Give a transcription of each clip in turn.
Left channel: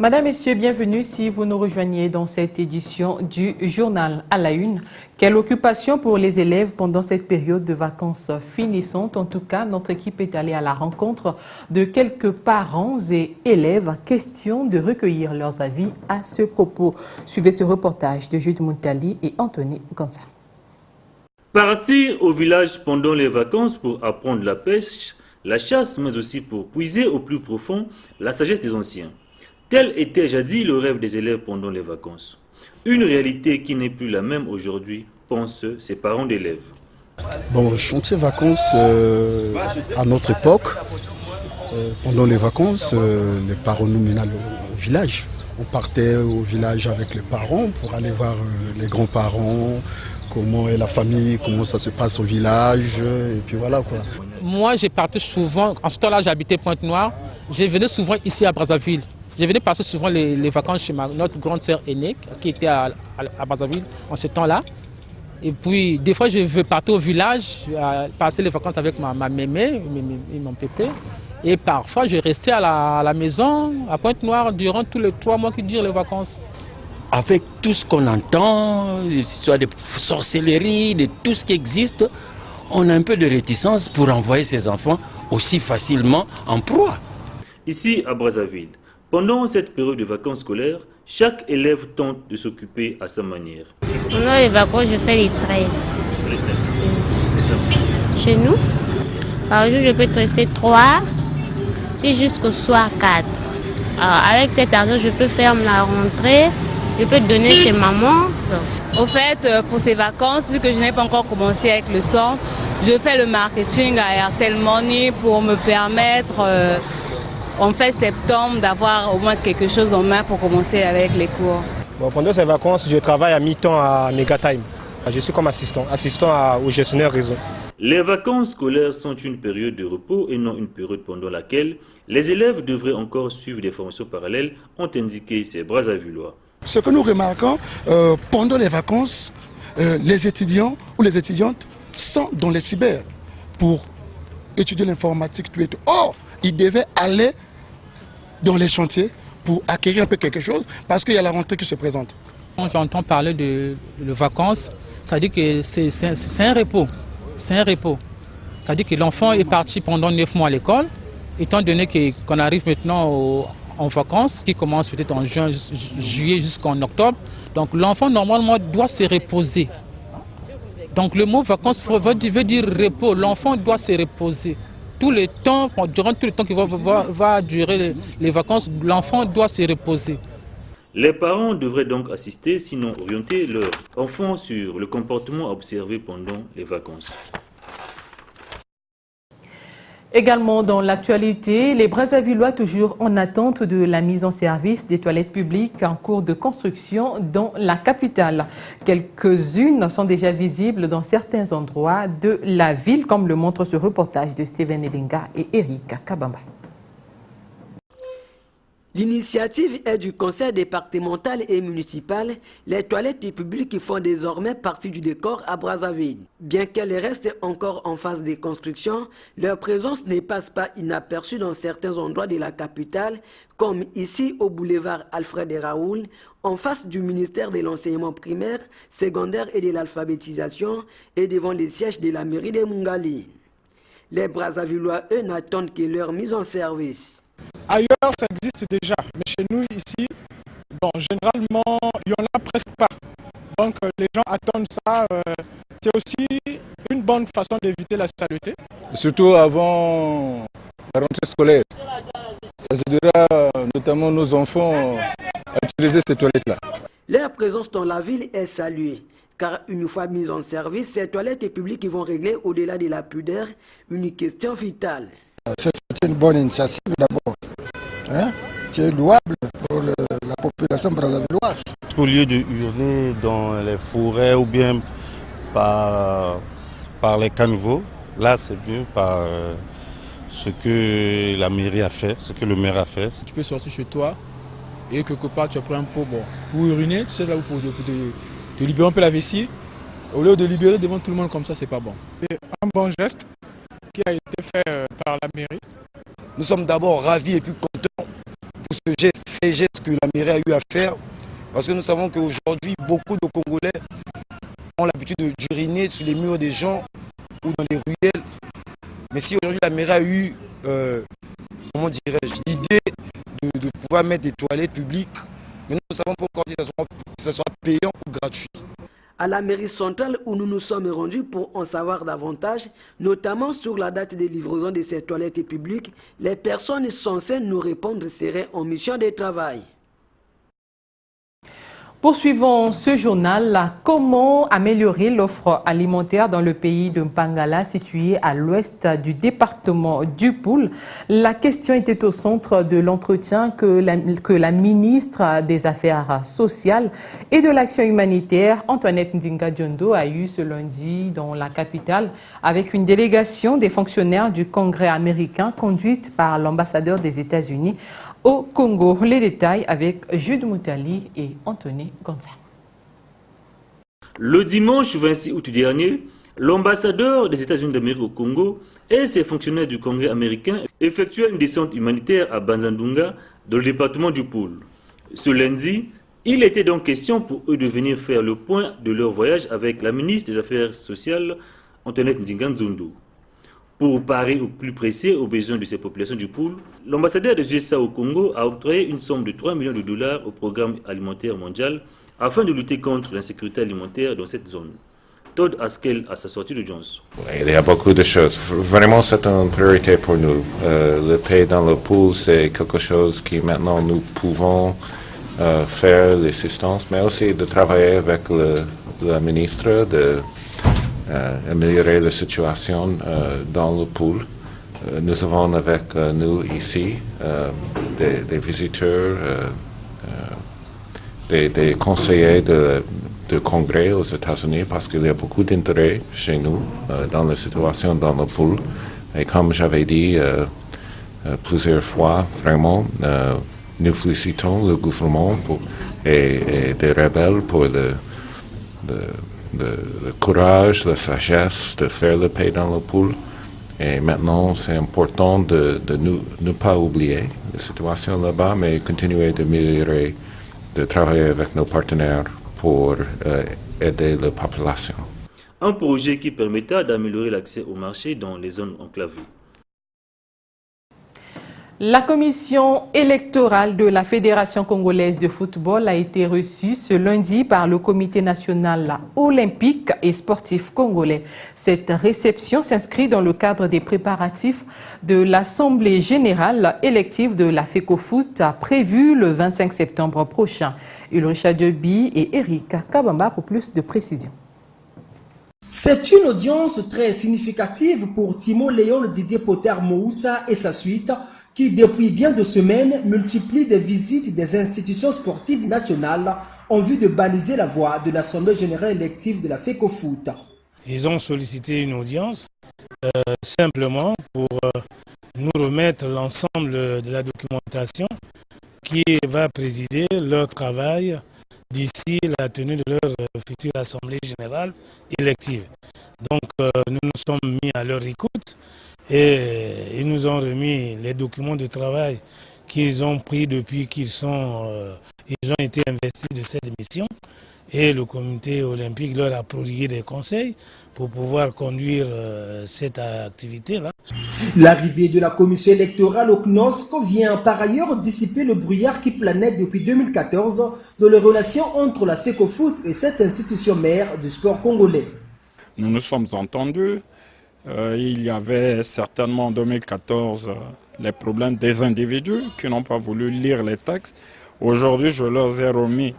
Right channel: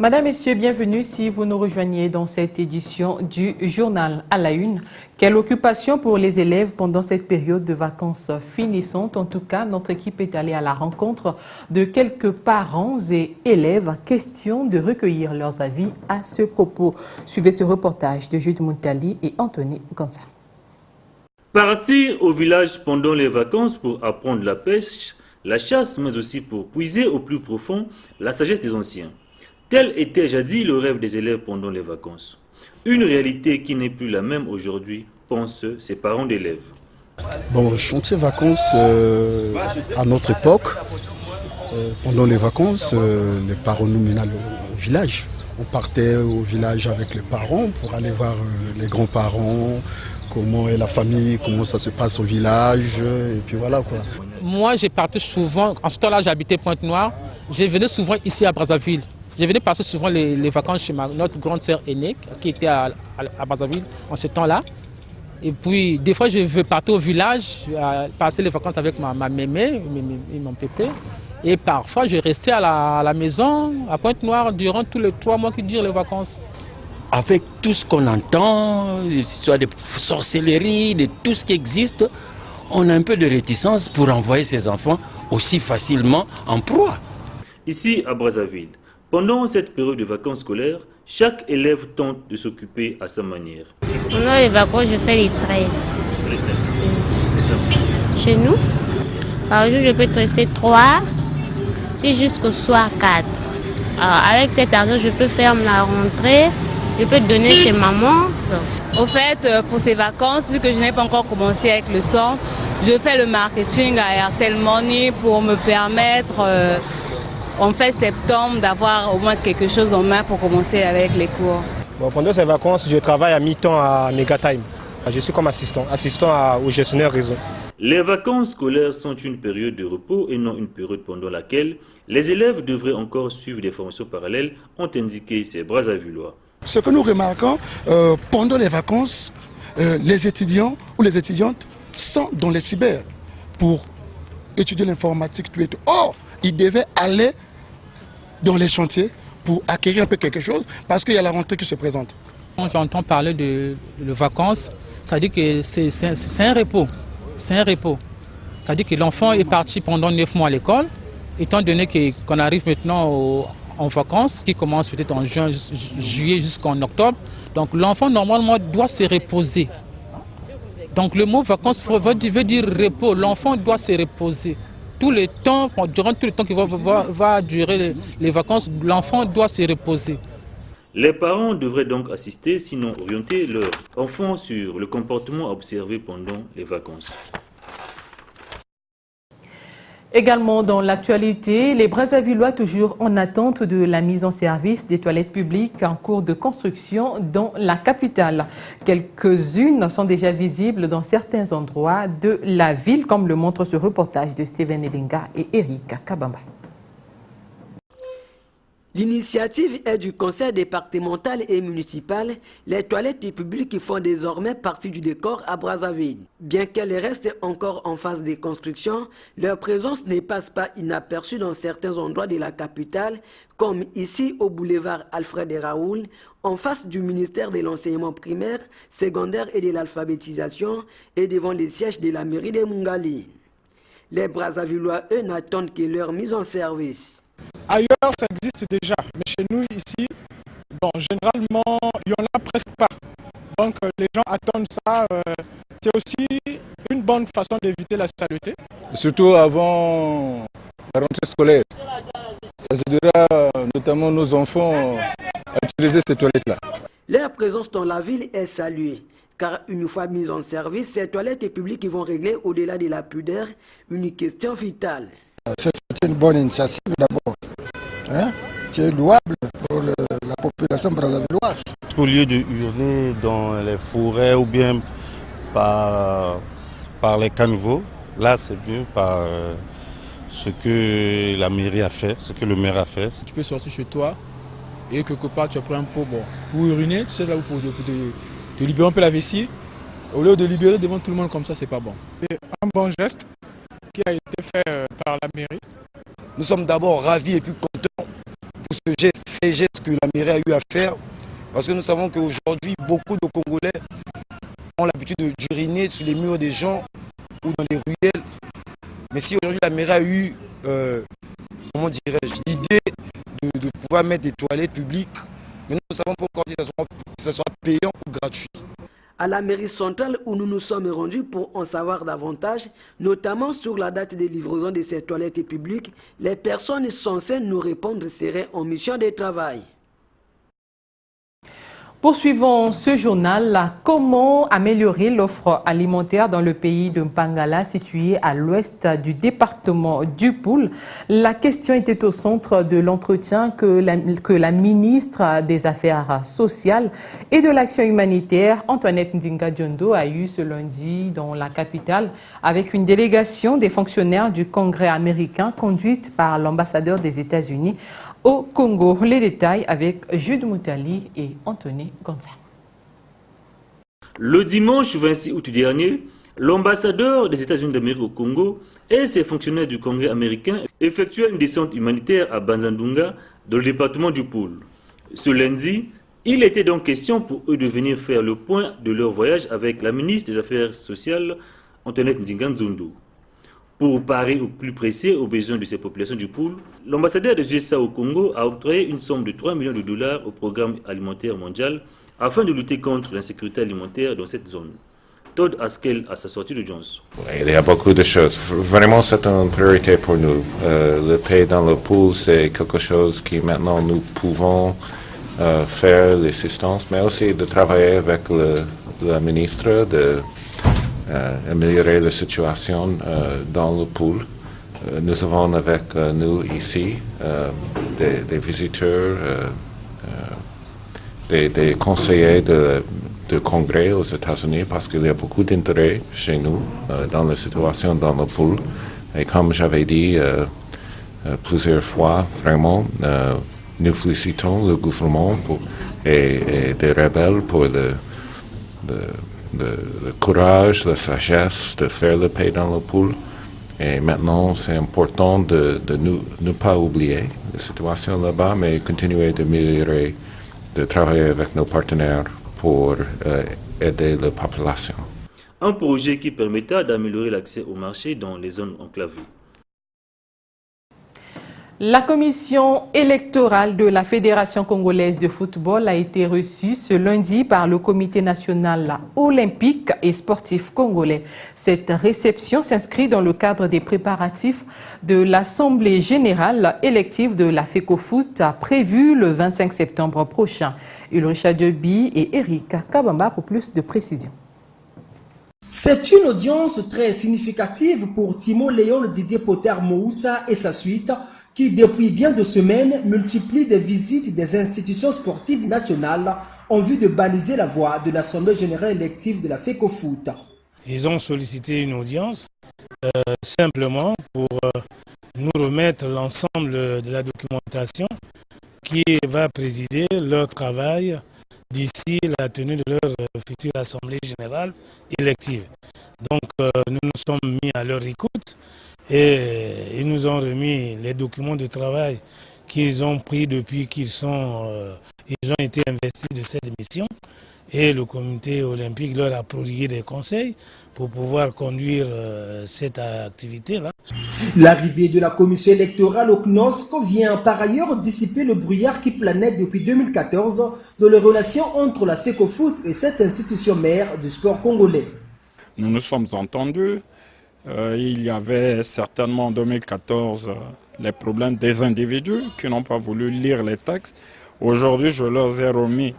Madame, Messieurs, bienvenue si vous nous rejoignez dans cette édition du journal à la une. Quelle occupation pour les élèves pendant cette période de vacances finissantes? En tout cas, notre équipe est allée à la rencontre de quelques parents et élèves. Question de recueillir leurs avis à ce propos. Suivez ce reportage de Jude Muntali et Anthony Gonza. Partir au village pendant les vacances pour apprendre la pêche, la chasse, mais aussi pour puiser au plus profond la sagesse des anciens. Tel était jadis le rêve des élèves pendant les vacances. Une réalité qui n'est plus la même aujourd'hui, pensent ces parents d'élèves. Bon, chantier vacances à notre époque, pendant les vacances, les parents nous menaient au village. On partait au village avec les parents pour aller voir les grands-parents, comment est la famille, comment ça se passe au village, et puis voilà quoi. Moi, j'ai parti souvent, en ce temps-là, j'habitais Pointe-Noire, je venais souvent ici à Brazzaville. Je venais passer souvent les vacances chez notre grande sœur aînée qui était à Brazzaville en ce temps-là. Et puis, des fois, je veux partir au village, passer les vacances avec ma mémé et mon pépé. Et parfois, je restais à la maison, à Pointe-Noire, durant tous les 3 mois qui durent les vacances. Avec tout ce qu'on entend, l'histoire de sorcellerie, de tout ce qui existe, on a un peu de réticence pour envoyer ses enfants aussi facilement en proie. Ici, à Brazzaville, pendant cette période de vacances scolaires, chaque élève tente de s'occuper à sa manière. Pendant les vacances, je fais les tresses. Les tresses. C'est ça. Chez nous, par jour, je peux tresser 3, c'est jusqu'au soir 4. Alors, avec cet argent, je peux faire la rentrée, je peux donner chez maman. Au fait, pour ces vacances, vu que je n'ai pas encore commencé avec le son, je fais le marketing à Airtel Money pour me permettre, en fait, septembre, d'avoir au moins quelque chose en main pour commencer avec les cours. Bon, pendant ces vacances, je travaille à mi-temps à Megatime. Je suis comme assistant au gestionnaire réseau. Les vacances scolaires sont une période de repos et non une période pendant laquelle les élèves devraient encore suivre des formations parallèles, ont indiqué ces Brazzavillois. Ce que nous remarquons, pendant les vacances, les étudiants ou les étudiantes sont dans les cyber pour étudier l'informatique. Or, ils devaient aller dans les chantiers pour acquérir un peu quelque chose parce qu'il y a la rentrée qui se présente. Quand j'entends parler de vacances, ça dit que c'est un repos. C'est un repos. Ça dit que l'enfant est parti pendant 9 mois à l'école, étant donné qu'on arrive maintenant en vacances, qui commencent peut-être en juin, juillet jusqu'en octobre. Donc l'enfant normalement doit se reposer. Donc le mot vacances veut dire repos. L'enfant doit se reposer. Tout le temps, durant tout le temps qui va durer les vacances, l'enfant doit se reposer. Les parents devraient donc assister, sinon orienter leurs enfants sur le comportement observé pendant les vacances. Également dans l'actualité, les Brazzavillois toujours en attente de la mise en service des toilettes publiques en cours de construction dans la capitale. Quelques-unes sont déjà visibles dans certains endroits de la ville, comme le montre ce reportage de Steven Elinga et Eric Kabamba. L'initiative est du conseil départemental et municipal. Les toilettes publiques font désormais partie du décor à Brazzaville. Bien qu'elles restent encore en phase de construction, leur présence ne passe pas inaperçue dans certains endroits de la capitale, comme ici au boulevard Alfred Raoul, en face du ministère de l'enseignement primaire, secondaire et de l'alphabétisation, et devant les sièges de la mairie de Mungali. Les Brazzavillois, eux, n'attendent que leur mise en service. Ailleurs, ça existe déjà, mais chez nous, ici, bon, généralement, il n'y en a presque pas. Donc, les gens attendent ça. C'est aussi une bonne façon d'éviter la saleté. Surtout avant la rentrée scolaire. Ça aidera notamment nos enfants à utiliser ces toilettes-là. Leur présence dans la ville est saluée, car une fois mises en service, ces toilettes publiques vont régler au-delà de la pudeur une question vitale. C'est une bonne initiative d'abord. C'est louable pour la population brazzavilloise. Au lieu de hurler dans les forêts ou bien par les caniveaux, là c'est mieux par ce que la mairie a fait, ce que le maire a fait. Tu peux sortir chez toi et quelque part tu as pris un pot pour uriner, tu sais là où pour te libérer un peu la vessie. Au lieu de libérer devant tout le monde comme ça, c'est pas bon. C'est un bon geste qui a été fait par la mairie. Nous sommes d'abord ravis et puis contents pour ce geste que la mairie a eu à faire. Parce que nous savons qu'aujourd'hui, beaucoup de Congolais ont l'habitude d'uriner sur les murs des gens ou dans les ruelles. Mais si aujourd'hui la mairie a eu, comment dirais-je, l'idée de pouvoir mettre des toilettes publiques, mais nous ne savons pas encore si ça sera payant ou gratuit. À la mairie centrale où nous nous sommes rendus pour en savoir davantage, notamment sur la date de livraison de ces toilettes publiques, les personnes censées nous répondre seraient en mission de travail. Poursuivons ce journal. Comment améliorer l'offre alimentaire dans le pays de Mpangala, situé à l'ouest du département du Poul? La question était au centre de l'entretien que la ministre des Affaires sociales et de l'Action humanitaire, Antoinette Ndinga-Diondo, a eu ce lundi dans la capitale avec une délégation des fonctionnaires du Congrès américain conduite par l'ambassadeur des États-Unis au Congo. Les détails avec Jude Moutali et Anthony Gonza. Le dimanche 26 août dernier, l'ambassadeur des États-Unis d'Amérique au Congo et ses fonctionnaires du Congrès américain effectuaient une descente humanitaire à Banzandunga, dans le département du Poul. Ce lundi, il était donc question pour eux de venir faire le point de leur voyage avec la ministre des Affaires sociales, Antoinette Ndinga-Diondo. Pour parer au plus pressé aux besoins de ces populations du Poul, l'ambassadeur des USA au Congo a octroyé une somme de 3 millions de dollars au programme alimentaire mondial afin de lutter contre l'insécurité alimentaire dans cette zone. Todd Haskell à sa sortie de Jones. Il y a beaucoup de choses. Vraiment, c'est une priorité pour nous. Le pays dans le Poul, c'est quelque chose qui maintenant nous pouvons faire l'assistance, mais aussi de travailler avec la ministre améliorer la situation dans le Poul. Nous avons avec nous ici des visiteurs, des conseillers de Congrès aux États-Unis parce qu'il y a beaucoup d'intérêt chez nous dans la situation dans le Poul. Et comme j'avais dit plusieurs fois, vraiment, nous félicitons le gouvernement et des rebelles pour le courage, la sagesse de faire le paix dans le Poul. Et maintenant, c'est important de ne pas oublier la situation là-bas, mais continuer d'améliorer, de travailler avec nos partenaires pour aider la population. Un projet qui permettra d'améliorer l'accès au marché dans les zones enclavées. La commission électorale de la Fédération congolaise de football a été reçue ce lundi par le Comité national olympique et sportif congolais. Cette réception s'inscrit dans le cadre des préparatifs de l'Assemblée générale élective de la FECOFOOT prévue le 25 septembre prochain. Ulricha Diobi et Eric Kabamba pour plus de précisions. C'est une audience très significative pour Timo Léon Didier Potter Moussa et sa suite, qui depuis bien de semaines multiplient des visites des institutions sportives nationales en vue de baliser la voie de l'Assemblée générale élective de la FECOFOOT. Ils ont sollicité une audience simplement pour nous remettre l'ensemble de la documentation qui va présider leur travail d'ici la tenue de leur future Assemblée générale élective. Donc nous nous sommes mis à leur écoute. Et ils nous ont remis les documents de travail qu'ils ont pris depuis qu'ils ont été investis de cette mission. Et le comité olympique leur a prodigué des conseils pour pouvoir conduire cette activité-là. L'arrivée de la commission électorale au CNOSC vient par ailleurs dissiper le brouillard qui planait depuis 2014 dans les relations entre la FECOFOOT et cette institution mère du sport congolais. Nous nous sommes entendus. Il y avait certainement en 2014 les problèmes des individus qui n'ont pas voulu lire les textes. Aujourd'hui, je leur ai remis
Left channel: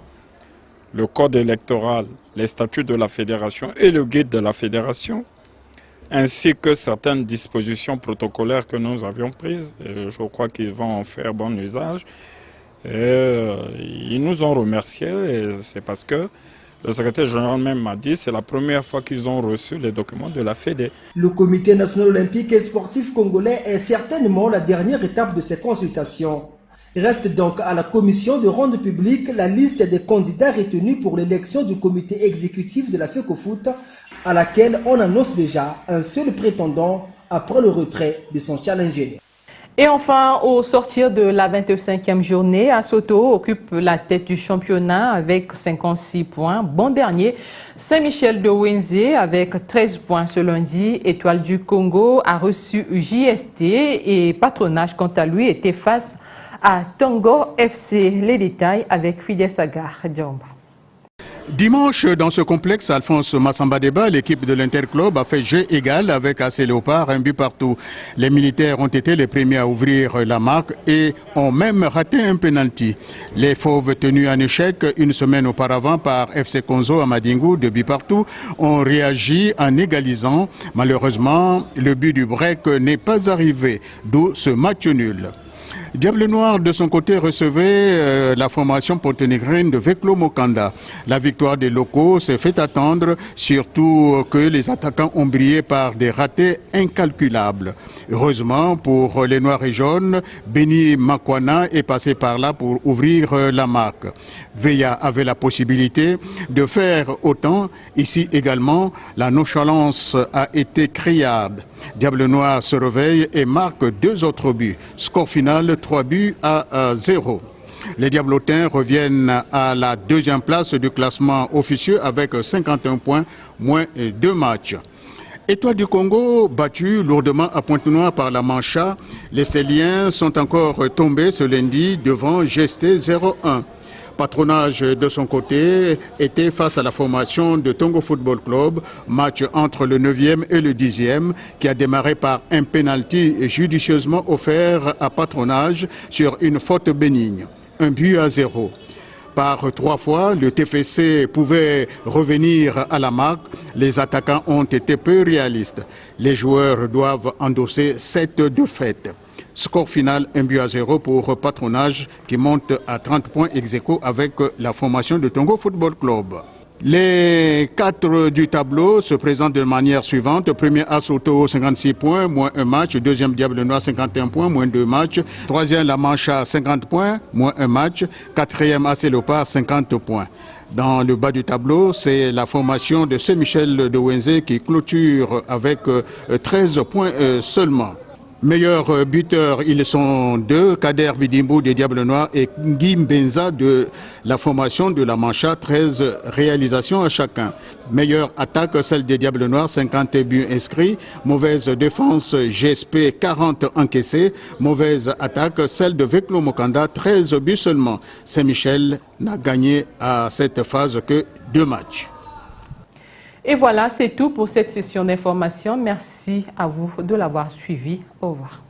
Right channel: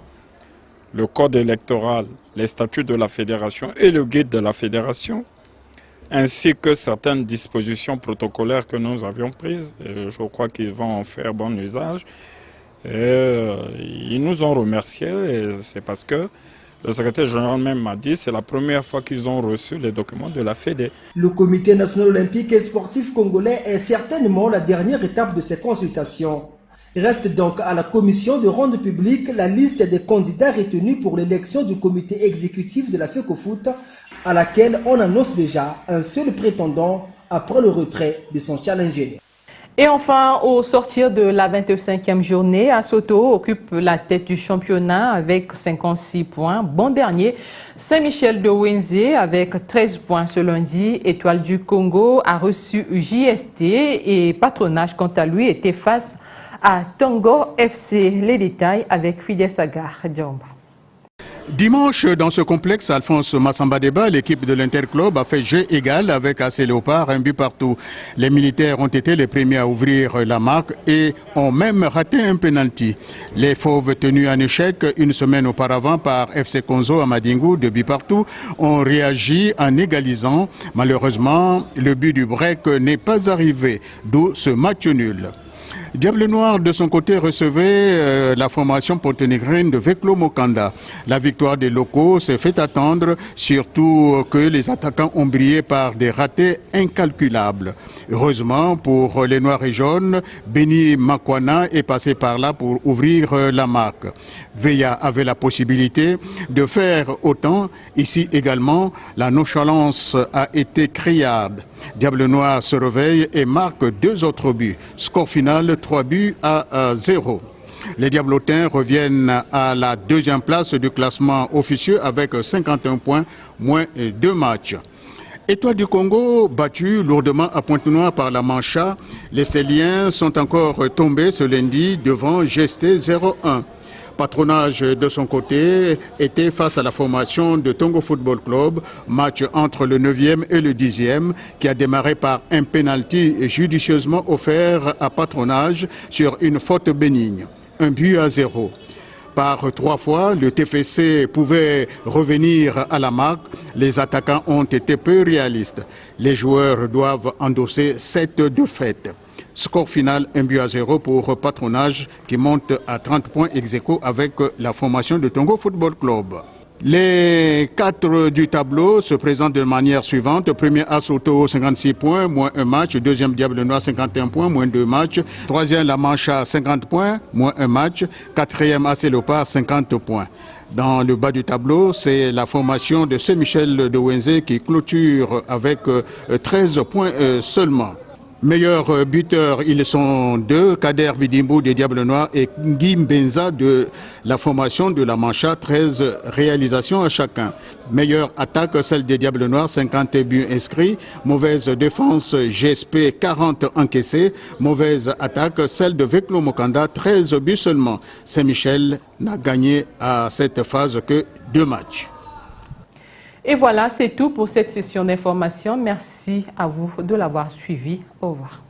le code électoral, les statuts de la fédération et le guide de la fédération, ainsi que certaines dispositions protocolaires que nous avions prises. Et je crois qu'ils vont en faire bon usage. Et ils nous ont remerciés, et c'est parce que le secrétaire général même m'a dit que c'est la première fois qu'ils ont reçu les documents de la FEDE. Le Comité national olympique et sportif congolais est certainement la dernière étape de ces consultations. Il reste donc à la commission de rendre publique la liste des candidats retenus pour l'élection du comité exécutif de la FECOFOOT, à laquelle on annonce déjà un seul prétendant après le retrait de son challenger. Et enfin, au sortir de la 25e journée, Asoto occupe la tête du championnat avec 56 points. Bon dernier, Saint-Michel de Wenzé avec 13 points ce lundi. Étoile du Congo a reçu JST et Patronage, quant à lui, était face à Tango FC. Les détails avec Fidel Sagar Djamba. Dimanche, dans ce complexe, Alphonse Massamba-Déba, l'équipe de l'Interclub a fait jeu égal avec AC Léopard, un but partout. Les militaires ont été les premiers à ouvrir la marque et ont même raté un penalty. Les Fauves, tenus en échec une semaine auparavant par FC Konzo à Madingu, 2 buts partout, ont réagi en égalisant. Malheureusement, le but du break n'est pas arrivé, d'où ce match nul. Diable Noir, de son côté, recevait la formation ponténégrine de Veklo Mokanda. La victoire des locaux s'est fait attendre, surtout que les attaquants ont brillé par des ratés incalculables. Heureusement pour les Noirs et Jaunes, Benny Makwana est passé par là pour ouvrir la marque. Veya avait la possibilité de faire autant. Ici également, la nonchalance a été criarde. Diable Noir se réveille et marque 2 autres buts. Score final 3 buts à 0. Les Diablotins reviennent à la 2e place du classement officieux avec 51 points, moins 2 matchs. Étoile du Congo, battu lourdement à Pointe-Noire par la Mancha, les Céliens sont encore tombés ce lundi devant GST 0-1. Patronage, de son côté, était face à la formation de Tongo Football Club, match entre le 9e et le 10e, qui a démarré par un penalty judicieusement offert à Patronage sur une faute bénigne. 1 but à 0. Par 3 fois, le TFC pouvait revenir à la marque. Les attaquants ont été peu réalistes. Les joueurs doivent endosser 7 défaites. Score final 1 but à 0 pour Patronage qui monte à 30 points ex-aequo avec la formation de Tongo Football Club. Les 4 du tableau se présentent de manière suivante. Premier Asoto 56 points, moins 1 match. Deuxième Diable Noir 51 points, moins 2 matchs. Troisième La Mancha 50 points, moins 1 match. Quatrième AC Léopard 50 points. Dans le bas du tableau, c'est la formation de Saint-Michel de Wenzé qui clôture avec 13 points seulement. Meilleurs buteurs, ils sont 2, Kader Bidimbo des Diables Noirs et Guy Mbenza de la formation de la Mancha, 13 réalisations à chacun. Meilleure attaque, celle des Diables Noirs, 50 buts inscrits. Mauvaise défense, GSP, 40 encaissés. Mauvaise attaque, celle de Veklo Mokanda, 13 buts seulement. Saint-Michel n'a gagné à cette phase que 2 matchs. Et voilà, c'est tout pour cette session d'information. Merci à vous de l'avoir suivi. Au revoir.